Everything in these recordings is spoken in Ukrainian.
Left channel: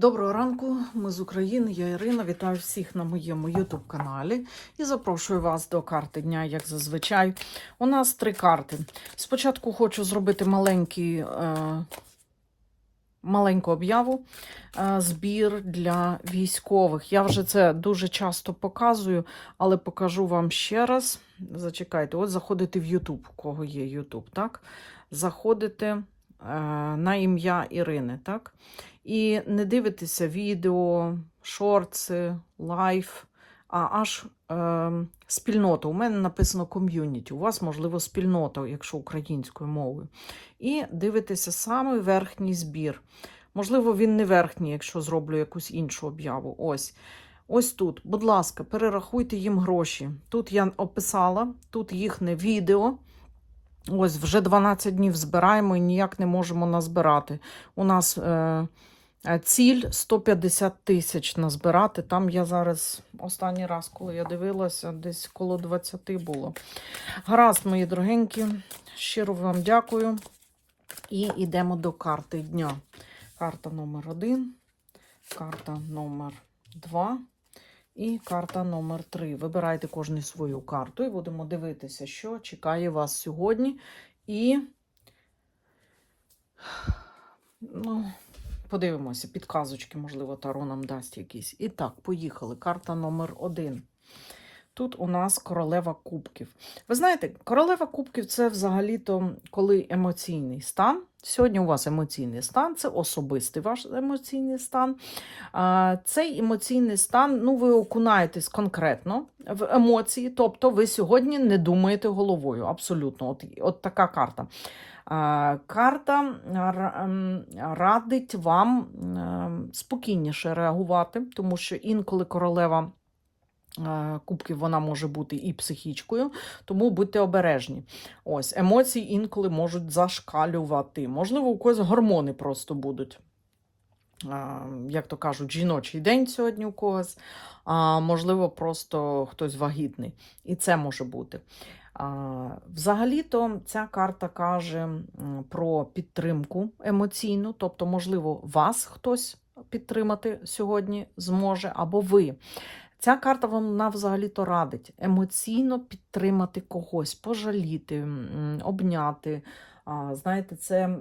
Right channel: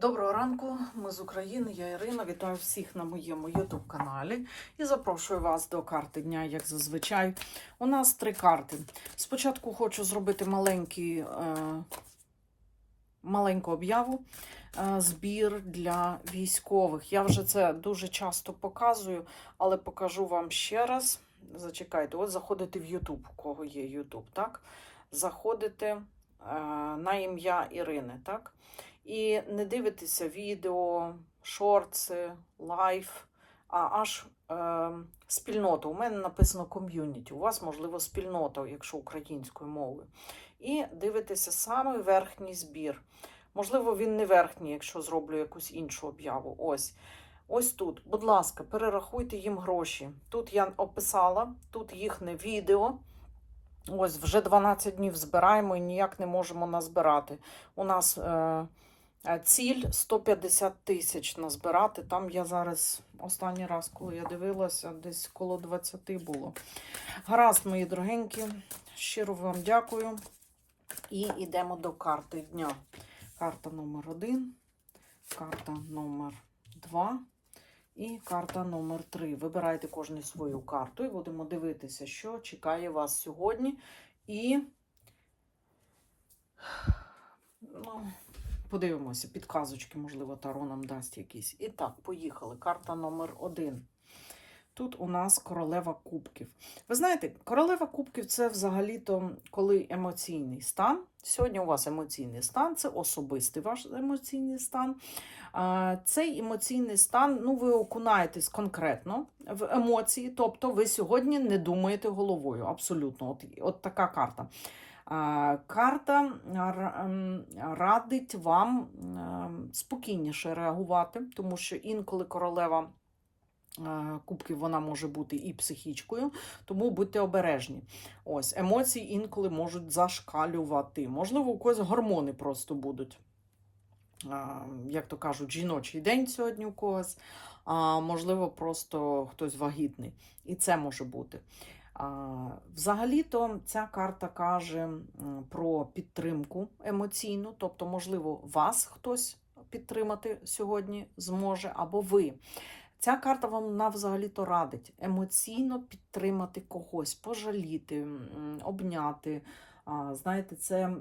Доброго ранку, ми з України, я Ірина. Вітаю всіх на моєму YouTube каналі і запрошую вас до карти дня, як зазвичай. У нас три карти. Спочатку хочу зробити маленький, е, маленьку об'яву, е, збір для військових. Я вже це дуже часто показую, але покажу вам ще раз. Зачекайте, от заходите в YouTube, у кого є YouTube, так? Заходите на ім'я Ірини, так? І не дивитеся відео, шорти, лайф, а аж е, спільнота. У мене написано ком'юніті. У вас, можливо, спільнота, якщо українською мовою. І дивитеся саме верхній збір. Можливо, він не верхній, якщо зроблю якусь іншу об'яву. Ось. Ось тут, будь ласка, перерахуйте їм гроші. Тут я описала, тут їхнє відео. Ось вже 12 днів збираємо і ніяк не можемо назбирати. У нас е, ціль 150 тисяч назбирати. Там я зараз останній раз, коли я дивилася, десь коло 20 було. Гаразд, мої дорогенькі, щиро вам дякую. І йдемо до карти дня. Карта номер 1, карта номер 2 і карта номер 3. Вибирайте кожну свою карту і будемо дивитися, що чекає вас сьогодні. І ну, подивимося, підказочки, можливо, Таро нам дасть якісь. І так, поїхали. Карта номер 1. Тут у нас королева кубків. Ви знаєте, королева кубків це взагалі-то коли емоційний стан. Сьогодні у вас емоційний стан, це особистий ваш емоційний стан. Цей емоційний стан, ну, ви окунаєтесь конкретно в емоції, тобто ви сьогодні не думаєте головою. Абсолютно, от, от така карта. Карта радить вам ем, спокійніше реагувати, тому що інколи королева. Е, Кубків вона може бути і психічкою, тому будьте обережні. Ось емоції інколи можуть зашкалювати. Можливо, у когось гормони просто будуть. Як то кажуть, жіночий день сьогодні у когось, а можливо, просто хтось вагітний. І це може бути. Взагалі-то ця карта каже про підтримку емоційну, тобто, можливо, вас хтось підтримати сьогодні зможе, або ви. Ця карта вона взагалі-то радить емоційно підтримати когось, пожаліти, обняти. Знаєте, це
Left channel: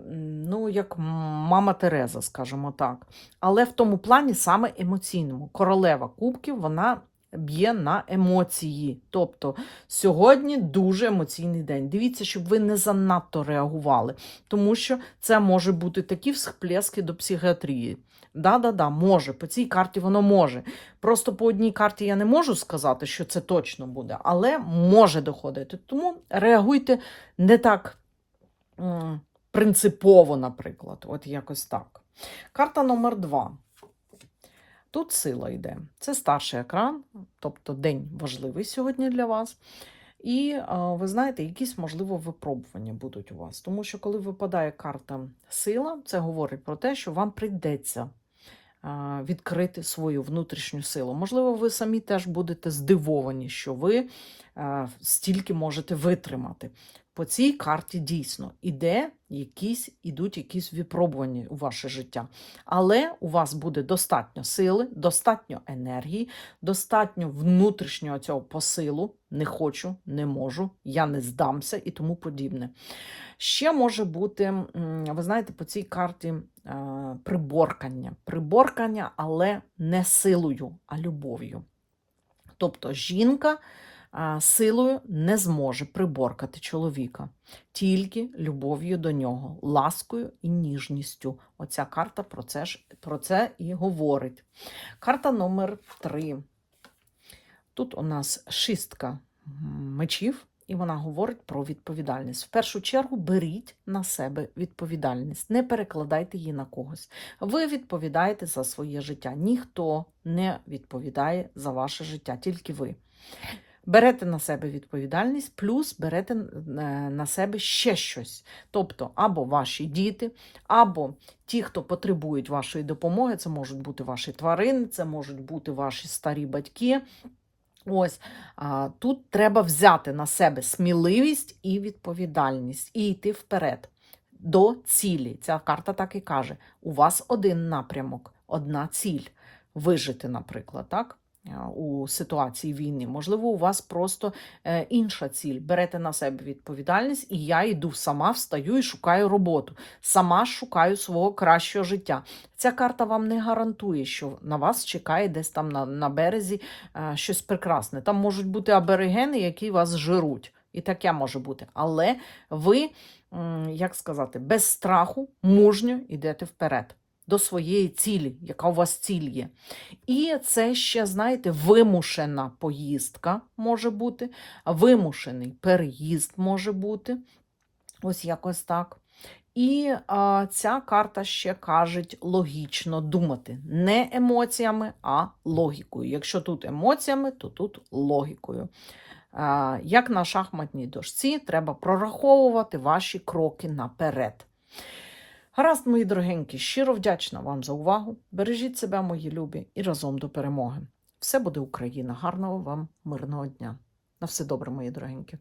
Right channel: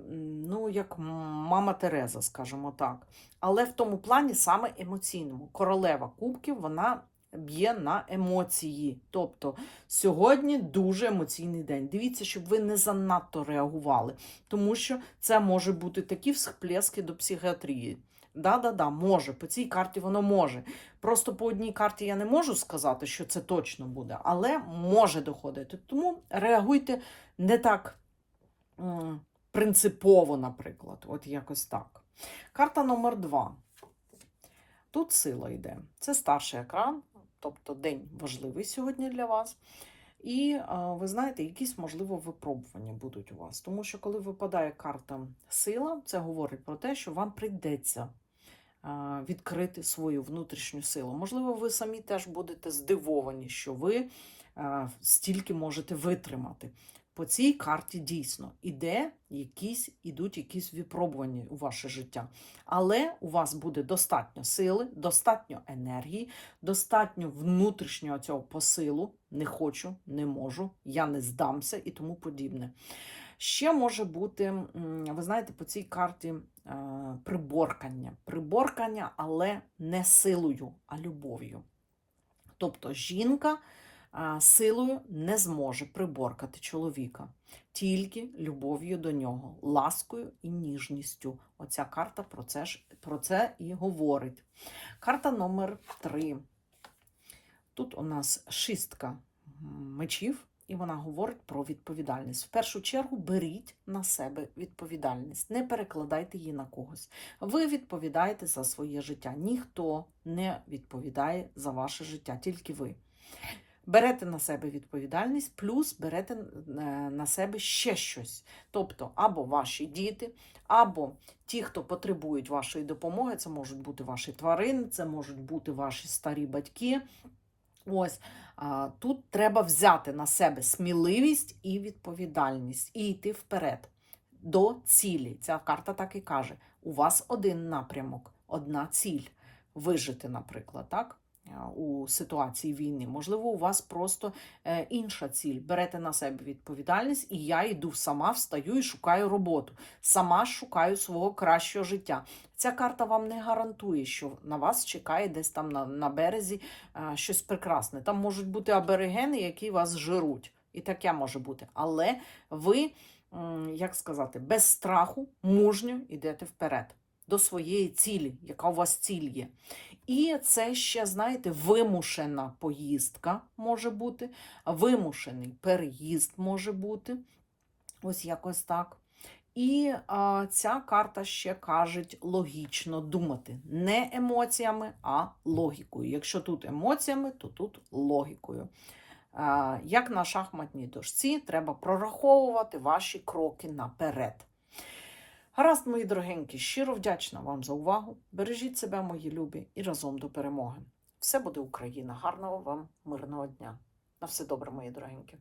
ну, як мама Тереза, скажімо так. Але в тому плані саме емоційному. Королева кубків вона б'є на емоції. Тобто сьогодні дуже емоційний день. Дивіться, щоб ви не занадто реагували, тому що це може бути такі всплески до психіатрії. Да-да-да, може, по цій карті воно може. Просто по одній карті я не можу сказати, що це точно буде, але може доходити. Тому реагуйте не так принципово, наприклад. От якось так. Карта номер два. Тут сила йде. Це старший екран, тобто день важливий сьогодні для вас. І ви знаєте, якісь, можливо, випробування будуть у вас. Тому що, коли випадає карта сила, це говорить про те, що вам прийдеться відкрити свою внутрішню силу. Можливо, ви самі теж будете здивовані, що ви стільки можете витримати. По цій карті дійсно іде якісь, ідуть якісь випробування у ваше життя. Але у вас буде достатньо сили, достатньо енергії, достатньо внутрішнього цього посилу. Не хочу, не можу, я не здамся і тому подібне. Ще може бути, ви знаєте, по цій карті е, приборкання. Приборкання, але не силою, а любов'ю. Тобто жінка силою не зможе приборкати чоловіка, тільки любов'ю до нього, ласкою і ніжністю. Оця карта про це, ж, про це і говорить. Карта номер 3. Тут у нас шістка мечів, і вона говорить про відповідальність. В першу чергу беріть на себе відповідальність, не перекладайте її на когось. Ви відповідаєте за своє життя. Ніхто не відповідає за ваше життя, тільки ви. Берете на себе відповідальність, плюс берете е, на себе ще щось. Тобто, або ваші діти, або ті, хто потребують вашої допомоги, це можуть бути ваші тварини, це можуть бути ваші старі батьки. Ось тут треба взяти на себе сміливість і відповідальність і йти вперед до цілі. Ця карта так і каже: у вас один напрямок. одна ціль вижити, наприклад, так? Е, У ситуації війни. Можливо, у вас просто е, інша ціль. Берете на себе відповідальність, і я йду сама, встаю і шукаю роботу. Сама шукаю свого кращого життя. Ця карта вам не гарантує, що на вас чекає десь там на, на березі е, щось прекрасне. Там можуть бути аборигени, які вас жируть. І таке може бути. Але ви, як сказати, без страху, мужньо йдете вперед до своєї цілі, яка у вас ціль є. І це ще, знаєте, вимушена поїздка може бути, вимушений переїзд може бути. Ось якось так. І а, ця карта ще каже логічно думати. Не емоціями, а логікою. Якщо тут емоціями, то тут логікою. А, як на шахматній дошці, треба прораховувати ваші кроки наперед. Гаразд, мої дорогенькі, щиро вдячна вам за увагу. Бережіть себе, мої любі, і разом до перемоги. Все буде Україна. Гарного вам мирного дня. На все добре, мої дорогенькі.